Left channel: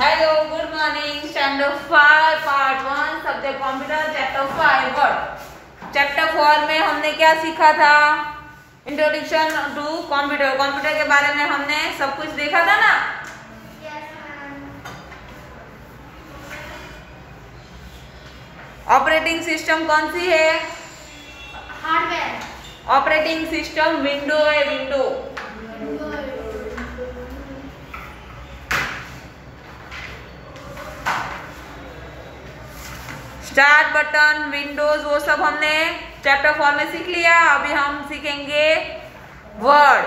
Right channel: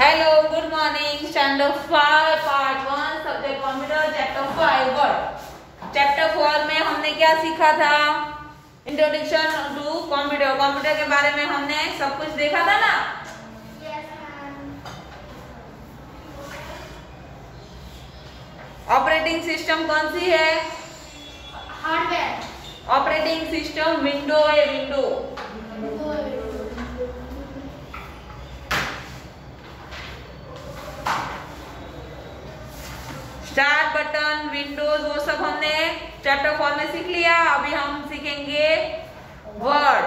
Hello, good morning. Standard 5 part 1 subject computer chapter 5 word. Chapter 4 में हमने क्या सीखा था? Introduction to computer. कंप्यूटर के बारे में हमने सब कुछ देखा था ना। ऑपरेटिंग सिस्टम कौन सी है? हार्डवेयर। ऑपरेटिंग सिस्टम विंडो है, विंडो। स्टार्ट बटन, विंडोज, वो सब हमने चैप्टर 4 में सीख लिया। अभी हम सीखेंगे वर्ड।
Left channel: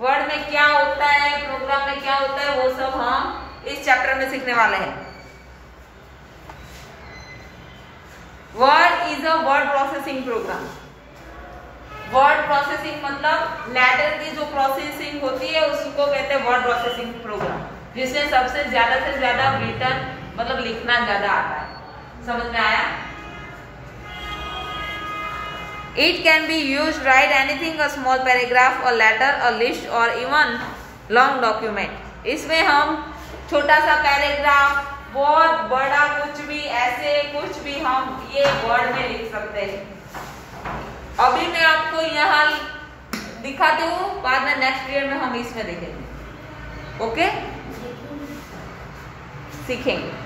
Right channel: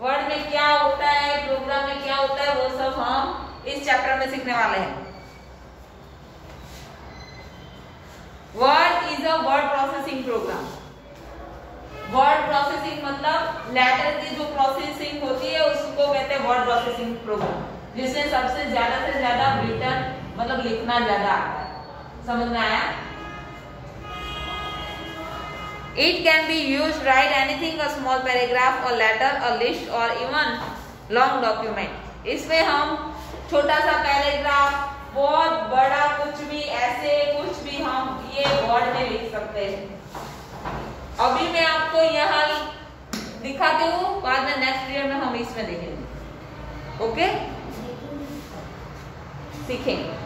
वर्ड में क्या होता है, प्रोग्राम में क्या होता है, वो सब हम इस चैप्टर में सीखने वाले हैं। Word is a word processing program. Word processing मतलब लेटर की जो प्रोसेसिंग होती है उसको कहते हैं वर्ड प्रोसेसिंग प्रोग्राम, जिसमें सबसे ज्यादा से ज्यादा रिटर्न मतलब लिखना ज्यादा आता है। समझ में आया? It can be used write anything, a small paragraph, a letter, a list, or even long document. इसमें हम छोटा सा पैराग्राफ, बहुत बड़ा कुछ भी, ऐसे कुछ भी हम ये वर्ड में लिख सकते हैं। अभी मैं आपको यहाँ दिखाती हूँ, बाद में नेक्स्ट पीरियड में हम इसमें देखेंगे। ओके, सीखेंगे।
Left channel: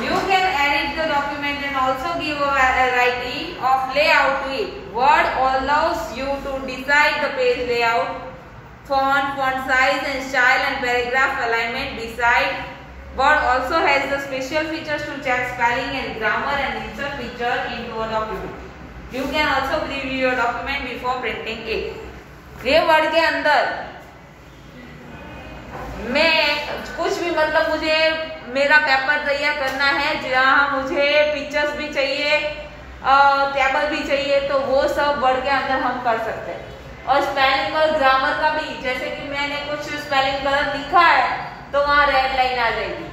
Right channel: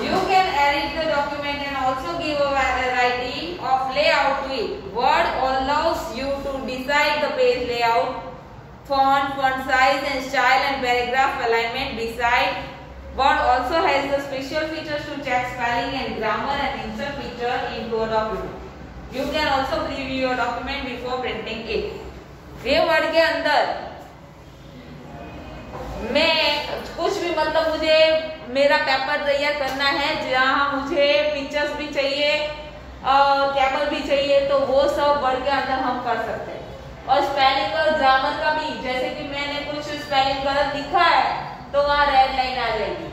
You can edit the document and also give a variety of layout to it. Word allows you to decide the page layout, font size and style, and paragraph alignment. Besides, Word also has the special features to check spelling and grammar and insert feature into a document. You can also preview your document before printing it. ये word के अंदर मैं कुछ भी मतलब मुझे मेरा paper तैयार करना है, जहाँ मुझे पिक्चर्स भी चाहिए, टेबल भी चाहिए, तो वो सब वर्ड के अंदर हम कर सकते हैं। और स्पेलिंग और ग्रामर का भी, जैसे कि मैंने कुछ स्पेलिंग गलत लिखा है तो वहाँ रेड लाइन आ जाएगी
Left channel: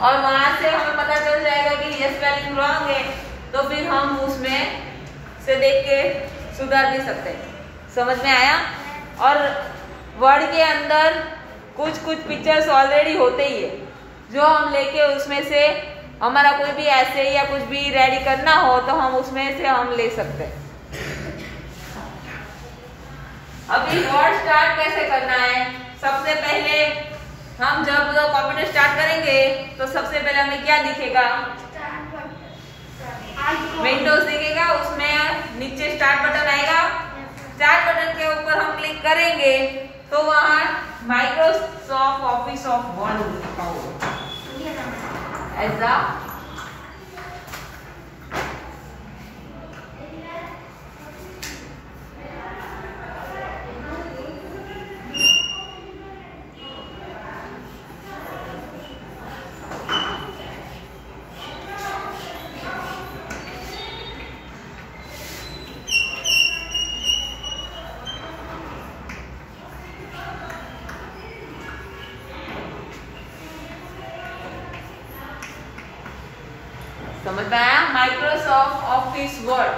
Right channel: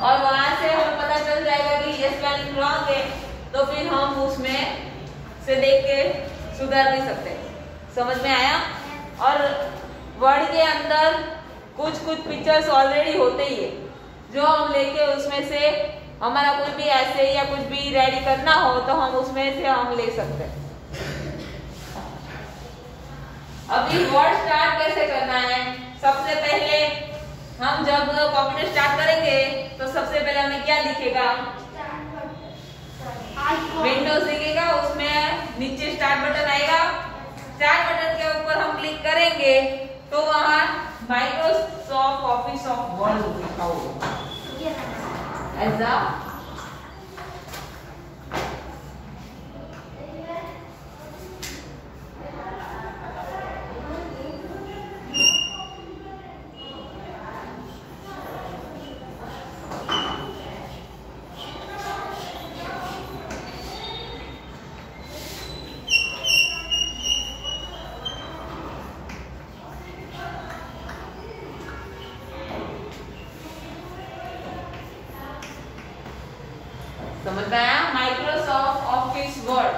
और वहां से हमें पता चल जाएगा कि ये स्पेलिंग रॉन्ग है, तो फिर हम उसमें से देख के सुधार भी सकते हैं। समझ में आया? और वर्ड के अंदर कुछ पिक्चर्स ऑलरेडी होते ही है, जो हम लेके उसमें से हमारा कोई भी ऐसे या कुछ भी रेडी करना हो तो हम उसमें से हम ले सकते हैं। अभी वर्ड स्टार्ट कैसे करना है? सबसे पहले हम जब कंप्यूटर स्टार्ट करेंगे तो सबसे पहले हमें क्या दिखेगा? विंडोज दिखेगा, उसमें नीचे स्टार्ट बटन आएगा। स्टार्ट बटन के ऊपर हम क्लिक करेंगे तो वहां माइक्रोसॉफ्ट ऑफिस ऑफ वर्ड लिखा होगा ऐसा। समझ में आया? माइक्रोसॉफ्ट ऑफिस वर्ड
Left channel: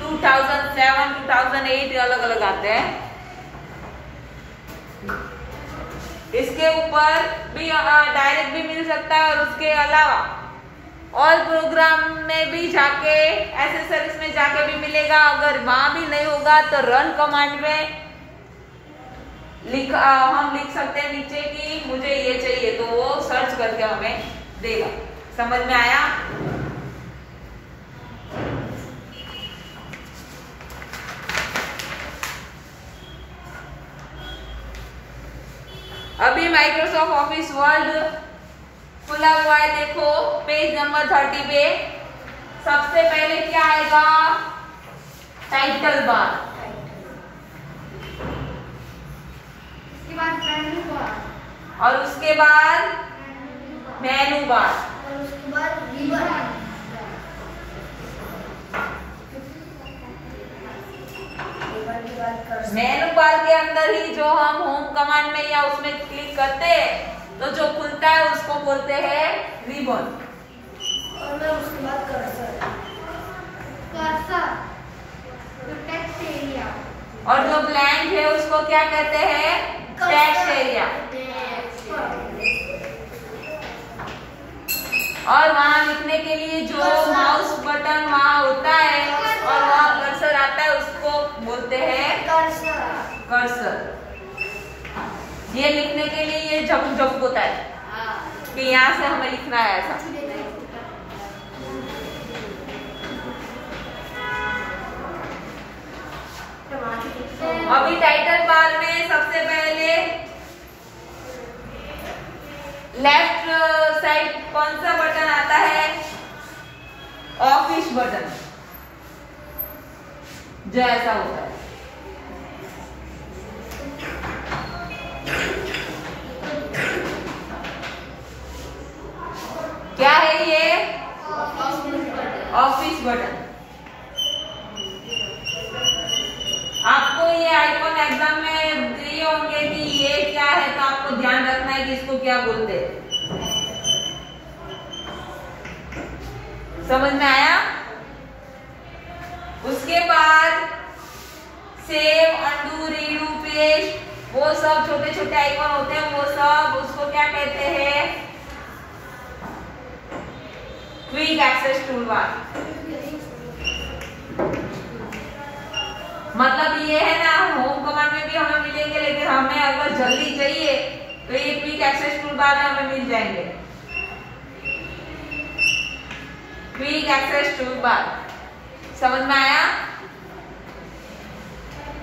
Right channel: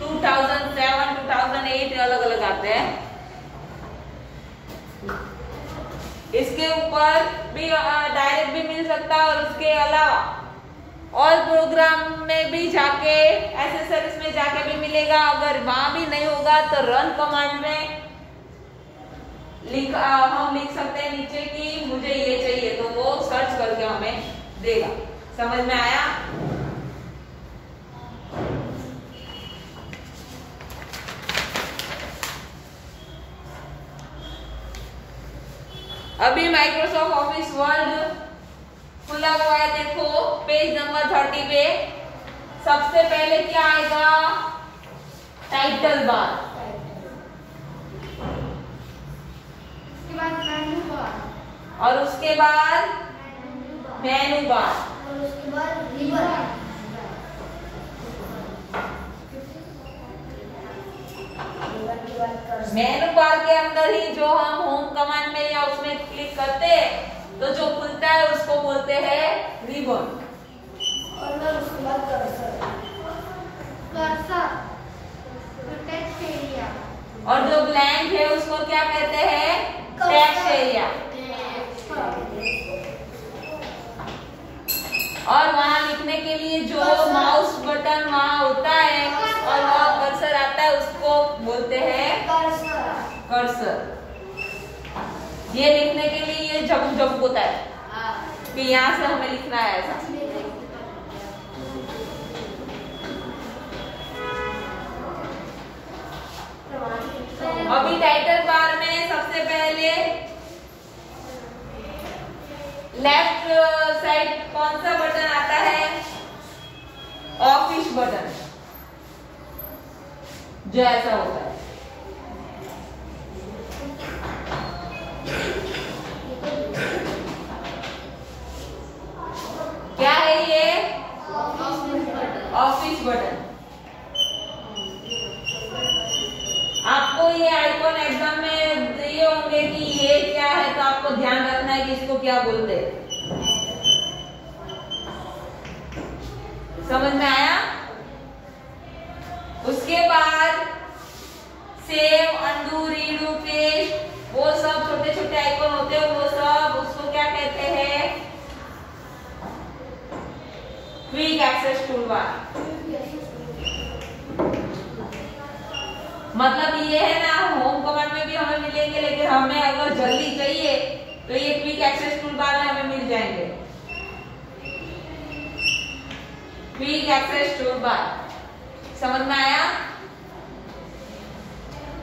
2007 2008 अलग अलग आते हैं। इसके ऊपर भी डायरेक्ट भी मिल सकता है और उसके अलावा और प्रोग्राम में भी जाके, एसेसरीज में जाके भी मिलेगा। अगर वहां भी नहीं होगा तो रन कमांड में हम लिख सकते हैं नीचे कि मुझे ये चाहिए, तो वो सर्च करके हमें देगा। समझ में आया? अभी माइक्रोसॉफ्ट ऑफिस वर्ड खुला हुआ है, देखो पेज नंबर 30 पे सबसे पहले क्या आएगा? टाइटल बार, और उसके बाद मेनू बार, और उसके बाद रिबन। मेनू बार के अंदर ही जो हम होम कमांड में या उसमें क्लिक करते हैं तो जो खुलता है उसको बोलते हैं रिबन। और मैं उसके बाद कर्सर टेक्स्ट एरिया और जो ब्लैंक है उसको क्या कहते हैं? Text area. और वहां लिखने के लिए जो माउस बटन वहां होता है और वहां कर्सर आता है उसको बोलते हैं कर्सर। ये लिखने के लिए ये झपक होता है कि यहाँ से हमें लिखना है ऐसा। अभी टाइटल बार में सबसे पहले लेफ्ट साइड कौन सा बटन आता है? ऑफिस बटन, जो ऐसा होता है। क्या है ये? Office button. आपको ये आइकॉन एग्जाम में दिए होंगे कि ये क्या है, तो आपको ध्यान रखना है कि इसको क्या बोलते हैं। समझ में आया? उसके बाद सेव, अंडू, रीडू, पेस्ट, वो सब छोटे छोटे आइकॉन होते हैं, वो सब उसको क्या कहते हैं? Quick access toolbar. मतलब ये है ना, होम कमांड में भी हमें मिलेंगे, लेकिन हमें अगर जल्दी चाहिए तो ये क्विक एक्सेस टूलबार में हमें मिल जाएंगे। क्विक एक्सेस टूलबार, समझ में आया?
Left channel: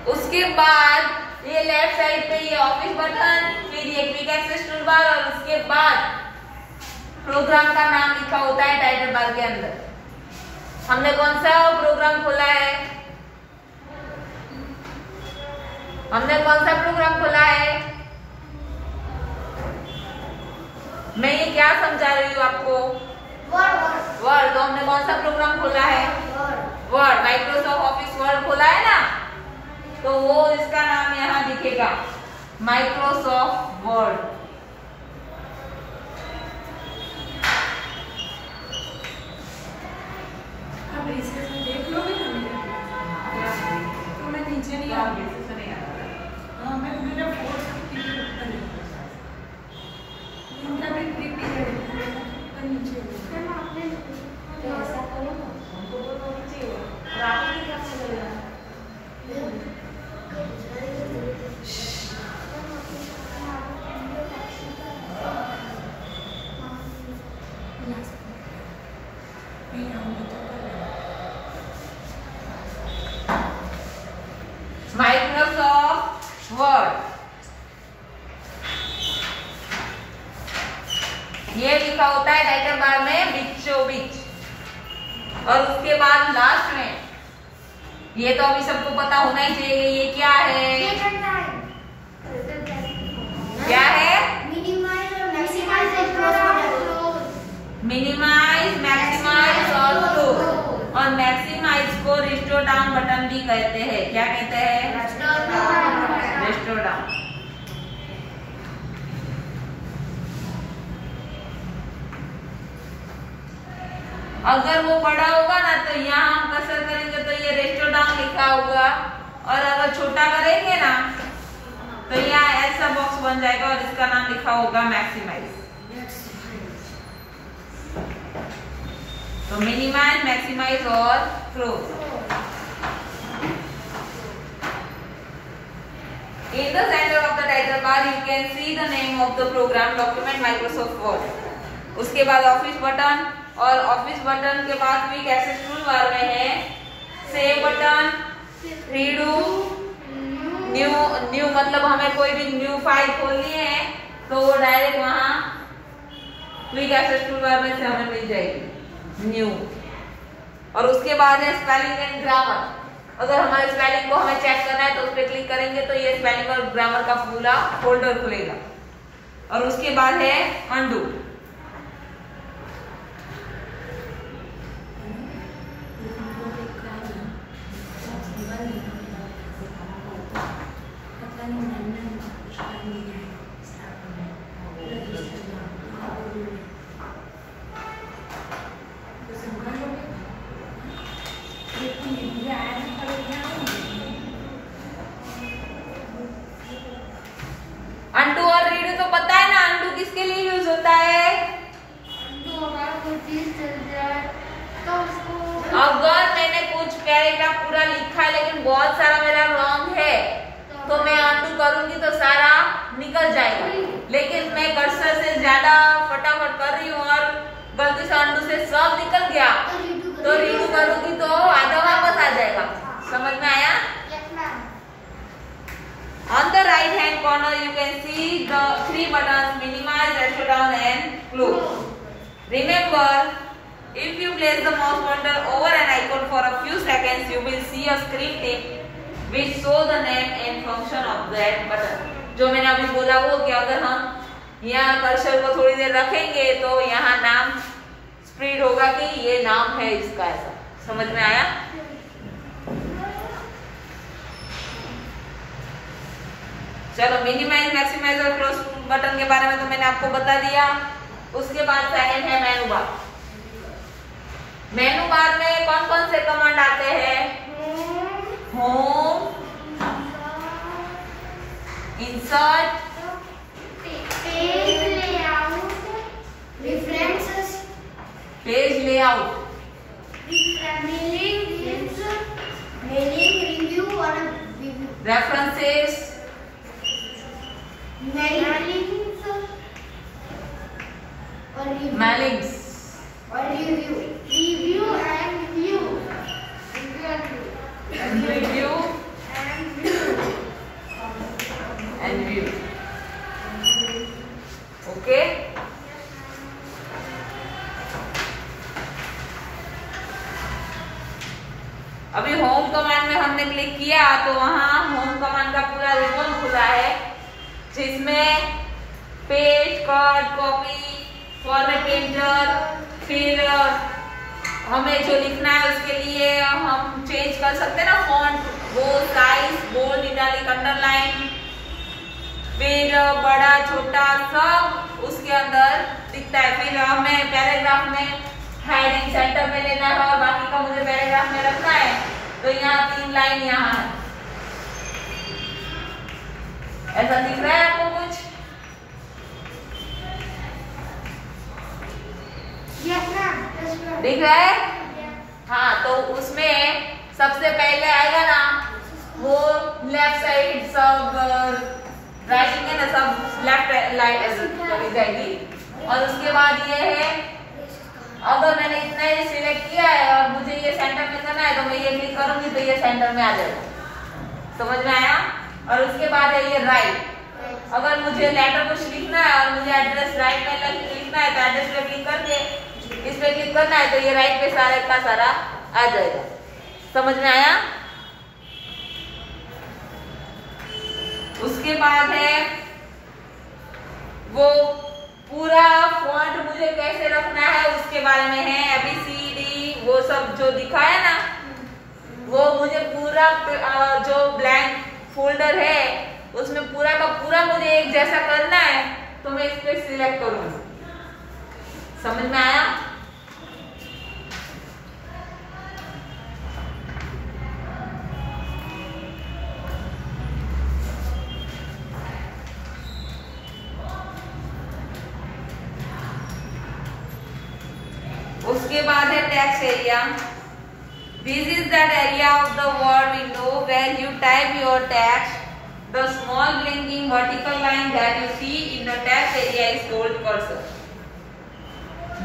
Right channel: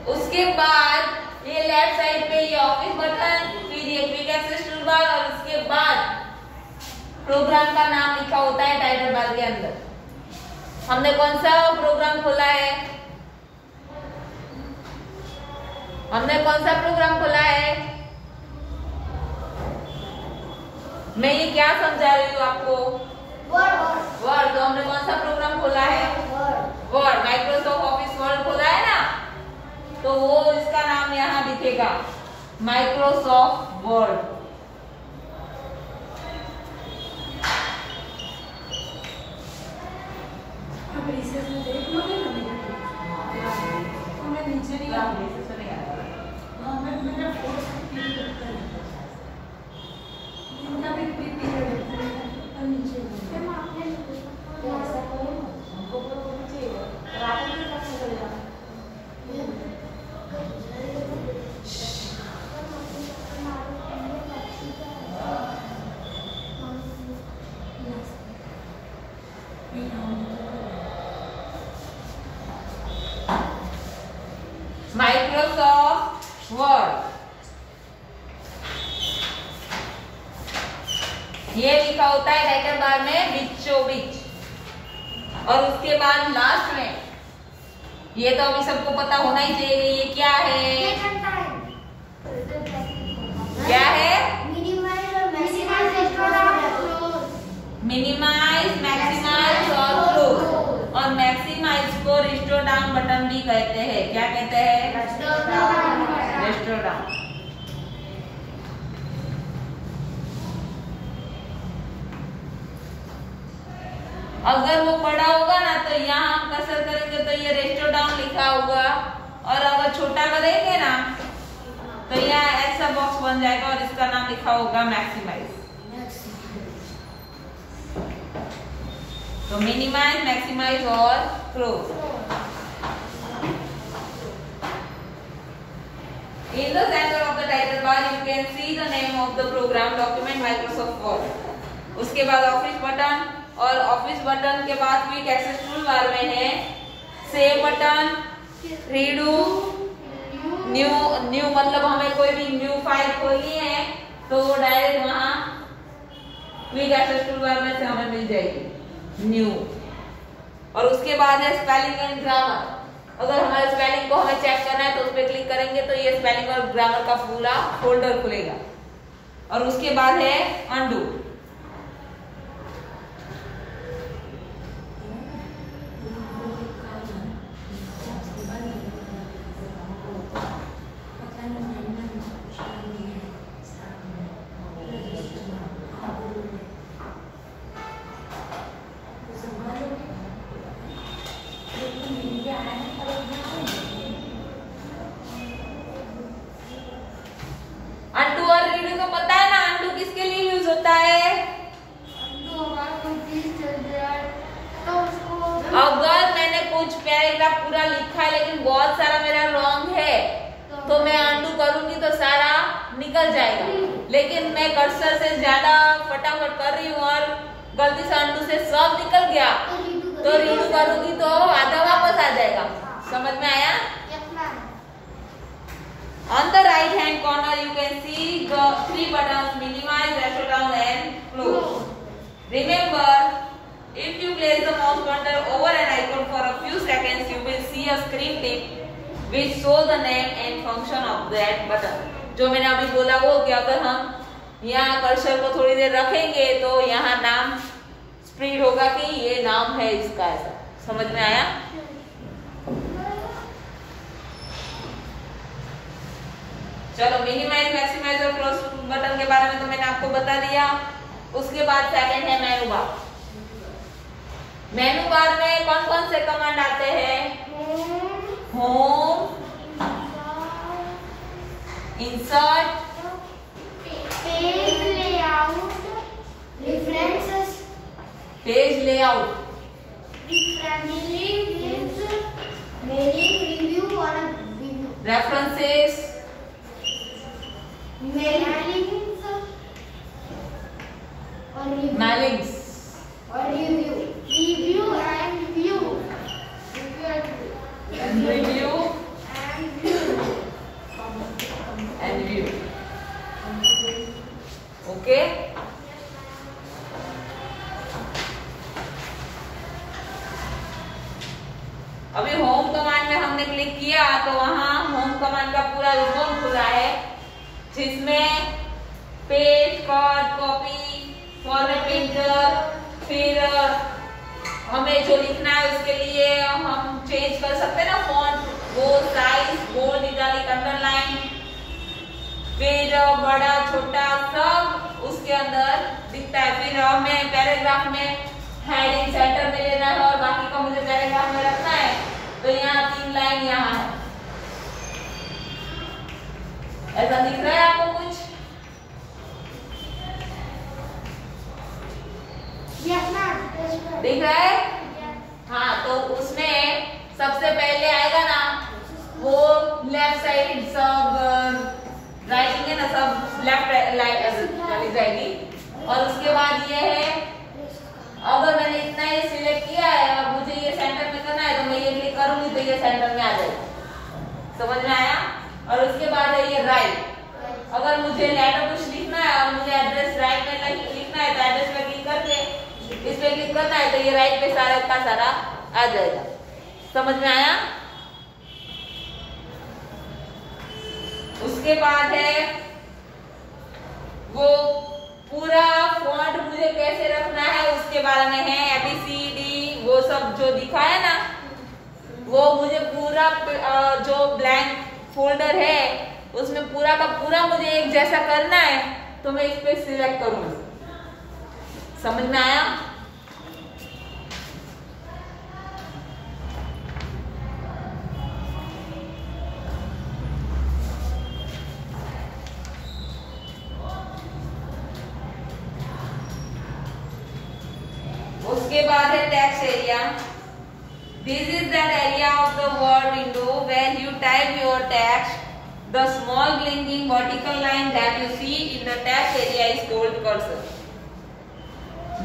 उसके बाद ये लेफ्ट साइड पे ये ऑफिस बटन, फिर ये क्विक एक्सेस टूलबार, और उसके बाद प्रोग्राम का नाम लिखा होता है टाइटल बार के अंदर। हमने कौन सा प्रोग्राम खोला है? हमने कौन सा प्रोग्राम खोला है? मैं ये क्या समझा रही हूँ आपको? वर्ड। तो हमने कौन सा प्रोग्राम खोला है? वर्ड। माइक्रोसॉफ्ट ऑफिस वर्ड खोला है ना, तो वो इसका नाम यहाँ दिखेगा, माइक्रोसॉफ्ट वर्ड। देख लोगे नीचे नहीं आ रही। हाँ, मैं मेरा फोर्स नीचे माइक्रोसॉफ्ट वर्ड, ये लिखा होता है टाइटल बार में बीचों बीच। और उसके बाद लास्ट में, ये तो अभी सबको पता होना ही चाहिए, ये क्या है? क्या है? मिनिमाइज, मैक्सिमाइज और क्लोज। और मैक्सिमाइज को रिस्टोर डाउन बटन भी कहते हैं। क्या कहते हैं? Restore down. अगर वो बड़ा होगा ना तो यहाँ हम कर्सर करेंगे तो ये रिस्टोर डाउन लिखा होगा, और अगर छोटा करेंगे ना तो यहाँ ऐसा बॉक्स बन जाएगा और इसका नाम लिखा होगा मैक्सिमाइज। तो मिनिमाइज, मैक्सिमाइज और close. In the center of the title bar you can see the name of the program document Microsoft Word। उसके बाद ऑफिस बटन, और ऑफिस बटन के बाद क्विक एक्सेस टूल बार में है सेव बटन, रीडू, न्यू मतलब हमें कोई भी न्यू फाइल खोलनी है तो वो डायरेक्ट वहां क्विक एक्सेस टूल बार में से हमें मिल जाएगी न्यू। और उसके बाद है स्पेलिंग एंड ग्रामर। अगर हमारे स्पेलिंग को हमें चेक करना है तो उस पर क्लिक करेंगे तो ये स्पेलिंग और ग्रामर का पूरा फोल्डर खुलेगा। और उसके बाद है अंडू। बहुत सारा मेरा रॉन्ग है तो मैं अनडू करूंगी तो सारा निकल जाएगा, लेकिन मैं कर्सर से ज्यादा फटाफट कर रही हूँ और गलती से अनडू से सब निकल गया तो रीडू करूंगी तो आधा वापस आ जाएगा। समझ में आया? On the right hand corner you can see the 3 buttons: minimize, ratchet down and close. Remember, if you place the mouse pointer over an icon for a few seconds, you will see a screen tip which show the name and function of that button. जो मैंने अभी बोला वो कि अगर हम यहाँ cursor को थोड़ी देर रखेंगे तो यहाँ नाम स्प्रेड होगा कि ये नाम है इसका, ऐसा। समझ में आया? चलो, मिनिमाइज, मैक्सिमाइज और क्लोज बटन के बारे में तो मैंने आपको बता दिया। उसके बाद सेकंड है मेनू बार। मेनू बार में कौन कौन से कमांड आते हैं? Home, insert, page layout, references, page layout, mailing, review और रिव्यू, रेफरेंसेस, मेलिंग्स और review, review and view, review and view. Okay, अभी होम कमांड में हमने क्लिक किया तो वहां होम कमांड का पूरा रिबन खुला है जिसमें page, cut, copy, format picture, फिर हमें जो लिखना है उसके लिए हम चेंज कर सकते हैं ना फॉन्ट, वो साइज, बोल्ड, इटैलिक, अंडरलाइन, फिर बड़ा छोटा सब उसके अंदर दिखता है। फिर हमें पैराग्राफ में हेडिंग सेंटर में लेना है और बाकी का मुझे पैराग्राफ में रखना है तो यहाँ 3 लाइन यहाँ है। ऐसा दिख रहा है आपको कुछ? दिख रहा है? हाँ, तो उसमें सबसे पहले आएगा ना वो लेफ्ट साइड, सब राइटिंग है ना, सब लेफ्ट चली जाएगी। और उसके बाद ये है, अगर मैंने इतना ही सिलेक्ट किया है और मुझे ये सेंटर में करना है तो मैं ये क्लिक करूंगी तो ये सेंटर में आ जाएगा। समझ में आया? और उसके बाद है ये राइट। अगर मुझे लेटर कुछ लिखना है और मुझे एड्रेस राइट में लिखना है तो एड्रेस पे क्लिक करके इस पे क्लिक करना है तो ये राइट पे सारा का सारा आ जाएगा। समझ में आया? उसके बाद है वो पूरा फॉन्ट मुझे कैसे रखना है उसके बारे में है। ABCD वो सब जो दिखा है ना, वो मुझे पूरा जो ब्लैंक फोल्डर है उसमें पूरा का पूरा मुझे एक जैसा करना है तो मैं इस पे सिलेक्ट करूंगी। समझ में आया? उसके बाद है text area. This is that area of the word window where you type your text. The small blinking vertical line that you see in the text area is called cursor.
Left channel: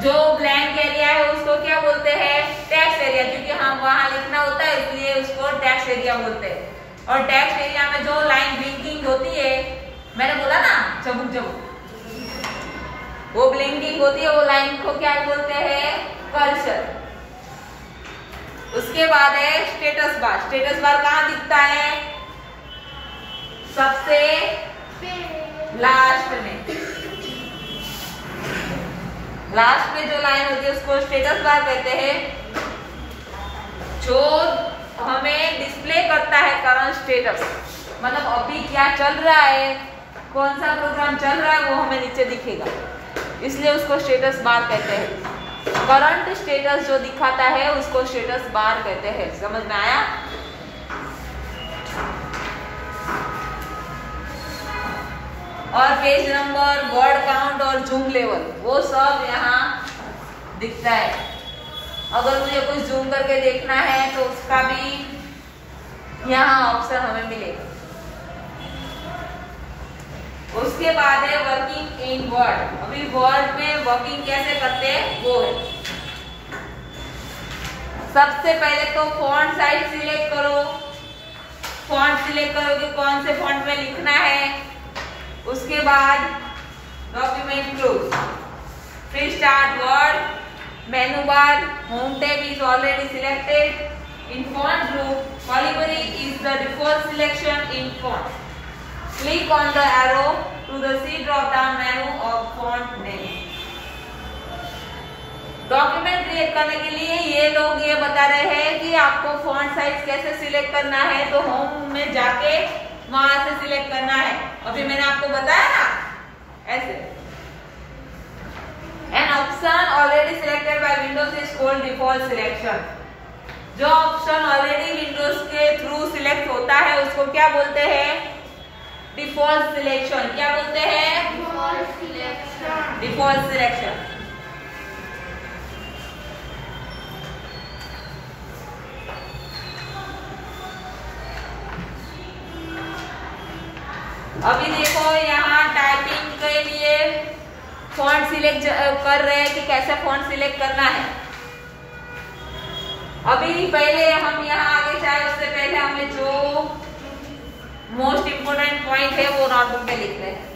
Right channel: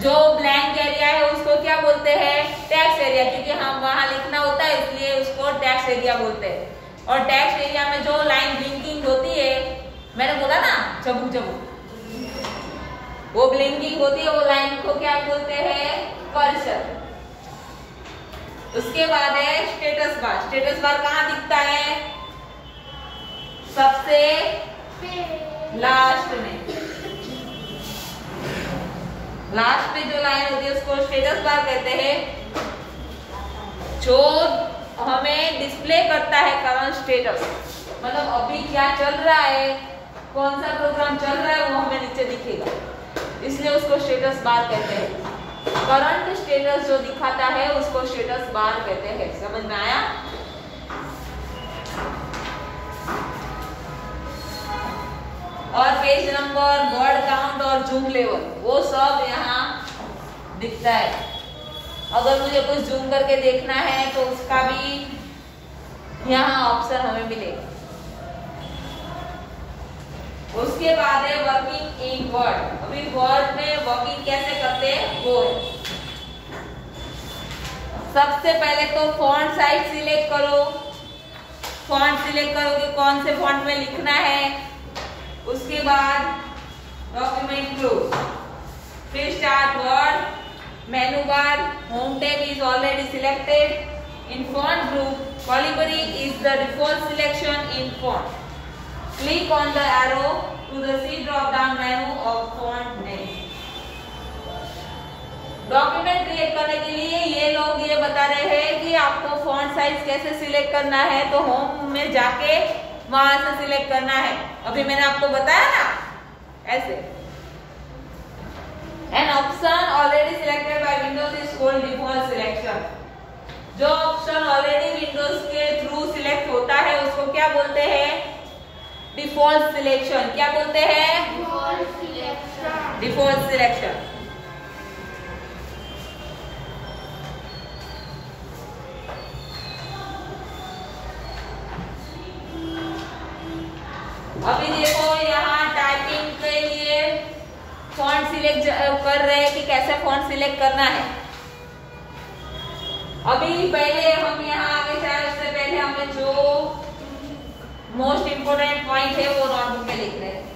जो blank area है उसको क्या बोलते हैं? Text area, क्योंकि हम वहां लिखना होता है इसलिए उसको टेक्स्ट एरिया बोलते हैं। और टेक्स्ट एरिया में जो लाइन ब्लिंकिंग होती है, मैंने बोला ना चबुक चबुक, वो ब्लिंकिंग होती है, वो लाइन को क्या बोलते हैं? कर्सर। उसके बाद है स्टेटस बार। स्टेटस बार कहाँ दिखता है? सबसे लास्ट में, लास्ट में जो लाइन होती है उसको स्टेटस बार कहते हैं, जो हमें डिस्प्ले करता है करंट स्टेटस, मतलब अभी क्या चल रहा है, कौन सा प्रोग्राम चल रहा है वो हमें नीचे दिखेगा, इसलिए उसको स्टेटस बार कहते हैं। करंट स्टेटस जो दिखाता है उसको स्टेटस बार कहते हैं। समझ में आया? और पेज नंबर, वर्ड काउंट और जूम लेवल वो सब यहाँ दिखता है। अगर मुझे कुछ जूम करके देखना है तो उसका भी यहाँ ऑप्शन हमें मिलेगा। उसके बाद है वर्किंग इन वर्ड। अभी वर्ड में वर्किंग कैसे करते हैं वो है। सबसे पहले तो फॉन्ट साइज सिलेक्ट करो। फॉन्ट सिलेक्ट करो कि कौन से फॉन्ट में लिखना है। उसके बाद डॉक्यूमेंट क्लोज, फिर start word, menu bar, home tab is already selected. In font group, Calibri is the default selection in font. Click on the arrow to the C drop-down menu of font name. Document create करने के लिए ये लोग ये बता रहे हैं कि आपको फॉन्ट साइज कैसे सिलेक्ट करना है, तो होम में जाके वहां से सिलेक्ट करना है। अभी मैंने आपको बताया ना ऐसे। An option already selected by Windows is called default selection. जो ऑप्शन ऑलरेडी विंडोज के थ्रू सिलेक्ट होता है उसको क्या बोलते हैं? Default selection. क्या बोलते हैं? Default selection. Default selection. अभी देखो यहाँ टाइपिंग के लिए फॉन्ट सिलेक्ट कर रहे हैं कि कैसा फॉन्ट सिलेक्ट करना है। अभी पहले हम यहाँ आगे जाए उससे पहले हमें जो मोस्ट इम्पोर्टेंट पॉइंट है वो नोटबुक में लिख रहे हैं।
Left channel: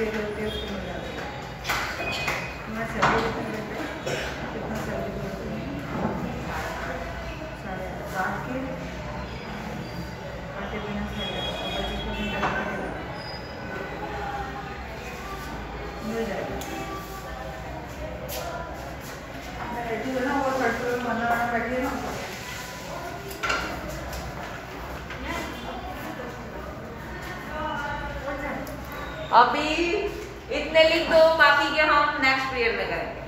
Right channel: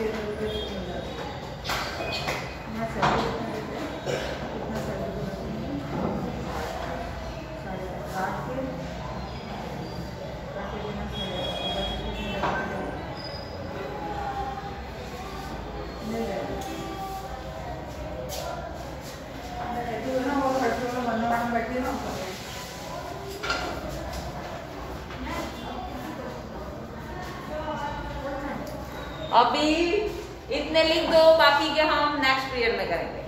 ऐसे करके उसको मिल जाता है। मैं सैलरी कितना सैलरी बनाती हूँ 8.5 के काटे बिना 25% मिल जाएगा। मैं बैठी हूँ ना, और लड़कियों में बनना बैठी है ना, अभी इतने लिख दो, बाकी के हम नेक्स्ट पीरियड में करेंगे।